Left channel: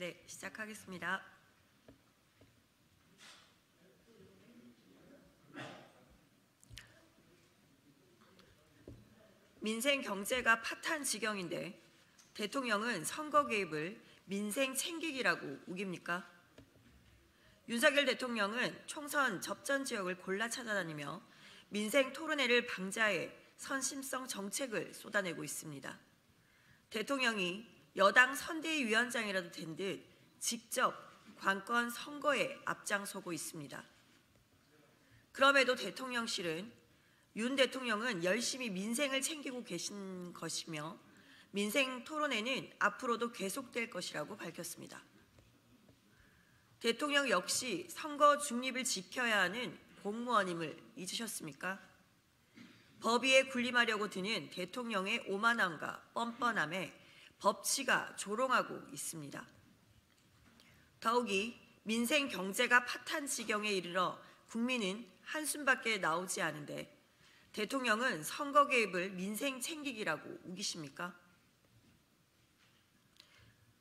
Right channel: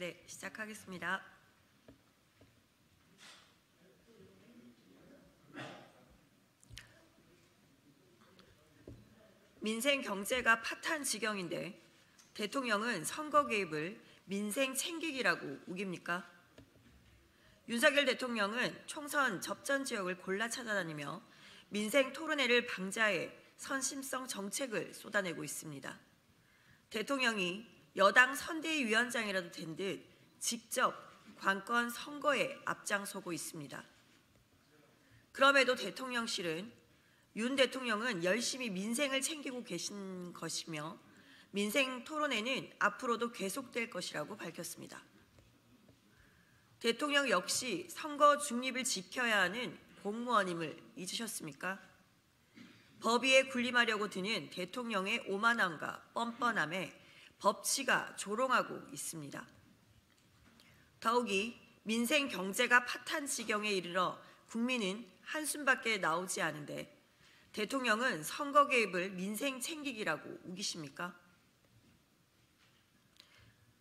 네, 시작하겠습니다. 민생 경제가 파탄 지경인데 대통령은 선거 개입을 민생 챙기기라고 우깁니까? 윤석열 대통령은 총선 접전 지역을 골라 찾아다니며 민생 토론회를 방자해 선심성 정책을 쏟아내고 있습니다. 대통령이 여당 선대위원장이라도 된 듯 직접 관건 선거에 앞장서고 있습니다. 그럼에도 대통령실은 윤 대통령은 열심히 민생을 챙기고 계신 것이며 민생 토론회는 앞으로도 계속될 것이라고 밝혔습니다. 대통령 역시 선거 중립을 지켜야 하는 공무원임을 잊으셨습니까? 법위에 군림하려고 드는 대통령의 오만함과 뻔뻔함에 법치가 조롱하고 있습니다. 더욱이 민생 경제가 파탄 지경에 이르러 국민은 한숨밖에 나오지 않은데 대통령은 선거 개입을 민생 챙기기라고 우기십니까?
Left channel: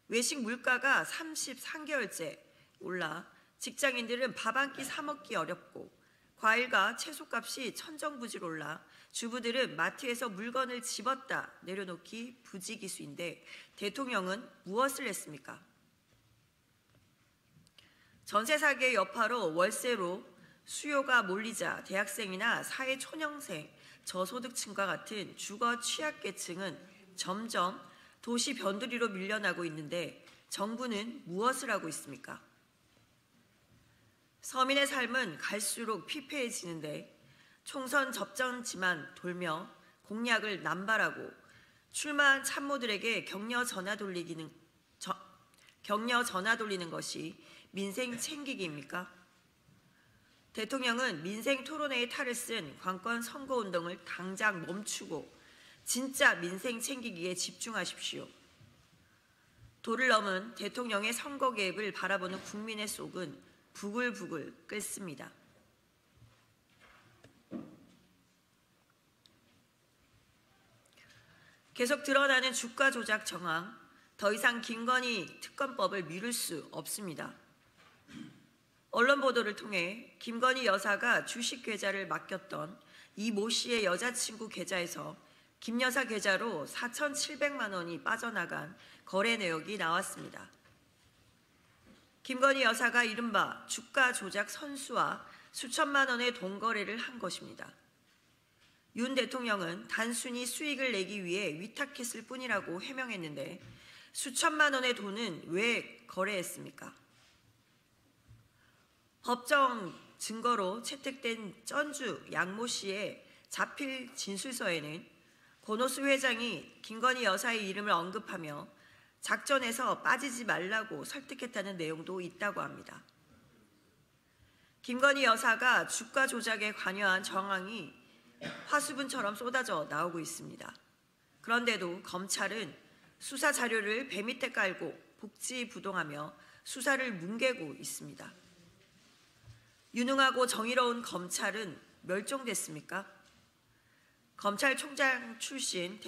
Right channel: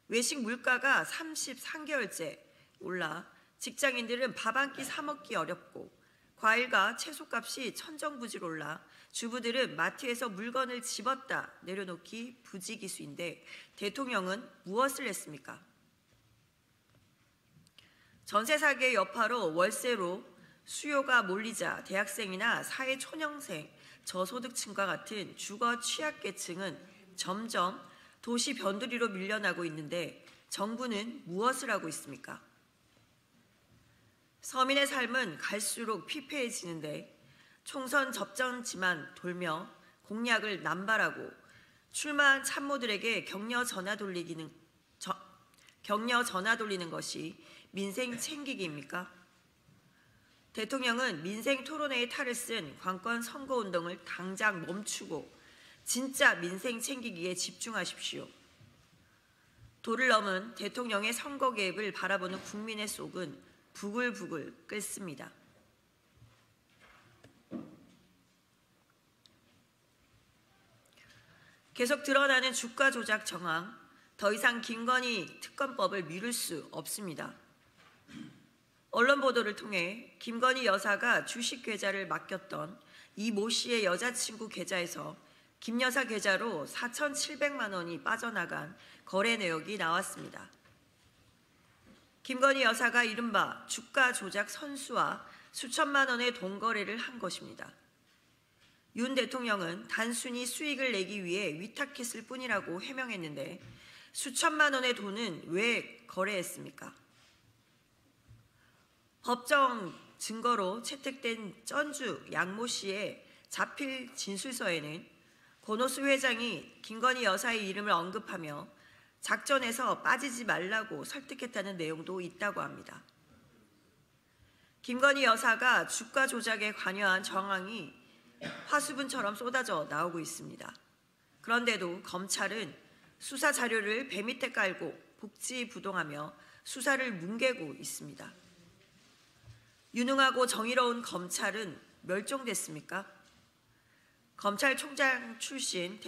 외식 물가가 33개월째 올라 직장인들은 밥 한 끼 사 먹기 어렵고 과일과 채소값이 천정부지로 올라 주부들은 마트에서 물건을 집었다 내려놓기 부지기수인데 대통령은 무엇을 했습니까? 전세 사기의 여파로 월세로 수요가 몰리자 대학생이나 사회초년생, 저소득층과 같은 주거 취약계층은 점점 도시 변두리로 밀려나고 있는데 정부는 무엇을 하고 있습니까? 서민의 삶은 갈수록 피폐해지는데 총선 접전지만 돌며 공약을 남발하고 출마한 참모들에게 격려 전화 돌리는 것이 민생 챙기기입니까? 대통령은 민생 토론회의 탈을 쓴 관건 선거운동을 당장 멈추고 진짜 민생 챙기기에 집중하십시오. 도를 넘은 대통령의 선거 개입을 바라보는 국민의 속은 부글부글 끓습니다. 계속 드러나는 주가 조작 정황, 더 이상 김건희 특검법을 미룰 수 없습니다. 언론 보도를 통해 김건희 여사가 주식 계좌를 맡겼던 이 모 씨의 여자친구 계좌에서 김 여사 계좌로 4,700만 원이 빠져나간 거래 내역이 나왔습니다. 김건희 여사가 이른바 주가 조작 선수와 수천만 원의 돈거래를 한 것입니다. 윤 대통령은 단순히 수익을 내기 위해 위탁했을 뿐이라고 해명했는데 수천만 원의 돈은 왜 거래했습니까? 법정 증거로 채택된 전주 양모 씨의 자필 진술서에는 권오수 회장이 김건희 여사의 이름을 언급하며 작전에서 빠지지 말라고 설득했다는 내용도 있다고 합니다. 김건희 여사가 주가 조작에 관여한 정황이 화수분처럼 쏟아져 나오고 있습니다. 그런데도 검찰은 수사 자료를 배 밑에 깔고 복지부동하며 수사를 뭉개고 있습니다. 유능하고 정의로운 검찰은 멸종됐습니까? 검찰총장 출신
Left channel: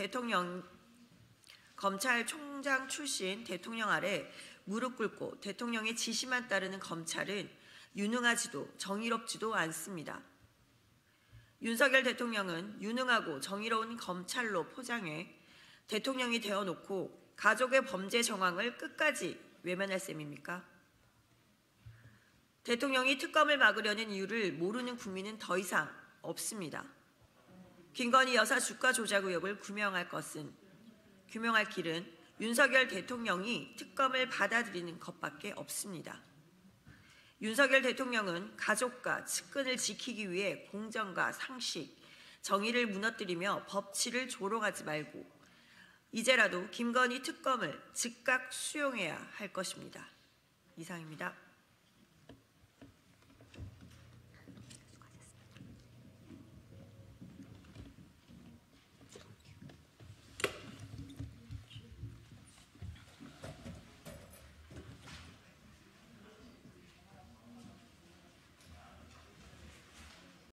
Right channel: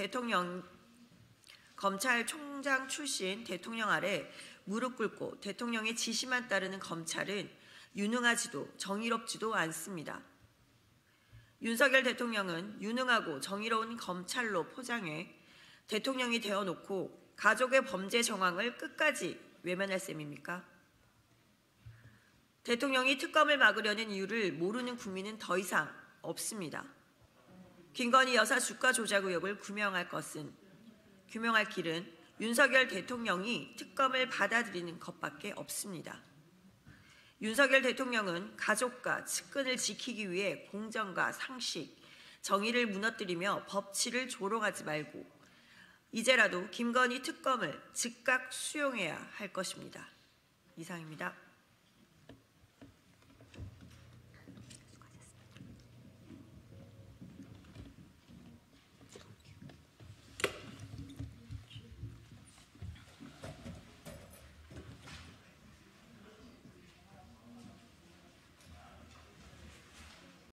대통령 아래 무릎 꿇고 대통령의 지시만 따르는 검찰은 유능하지도 정의롭지도 않습니다. 윤석열 대통령은 유능하고 정의로운 검찰로 포장해 대통령이 되어놓고 가족의 범죄 정황을 끝까지 외면할 셈입니까? 대통령이 특검을 막으려는 이유를 모르는 국민은 더 이상 없습니다. 김건희 여사 주가 조작 의혹을 규명할 길은 윤석열 대통령이 특검을 받아들이는 것밖에 없습니다. 윤석열 대통령은 가족과 측근을 지키기 위해 공정과 상식, 정의를 무너뜨리며 법치를 조롱하지 말고 이제라도 김건희 특검을 즉각 수용해야 할 것입니다. 이상입니다.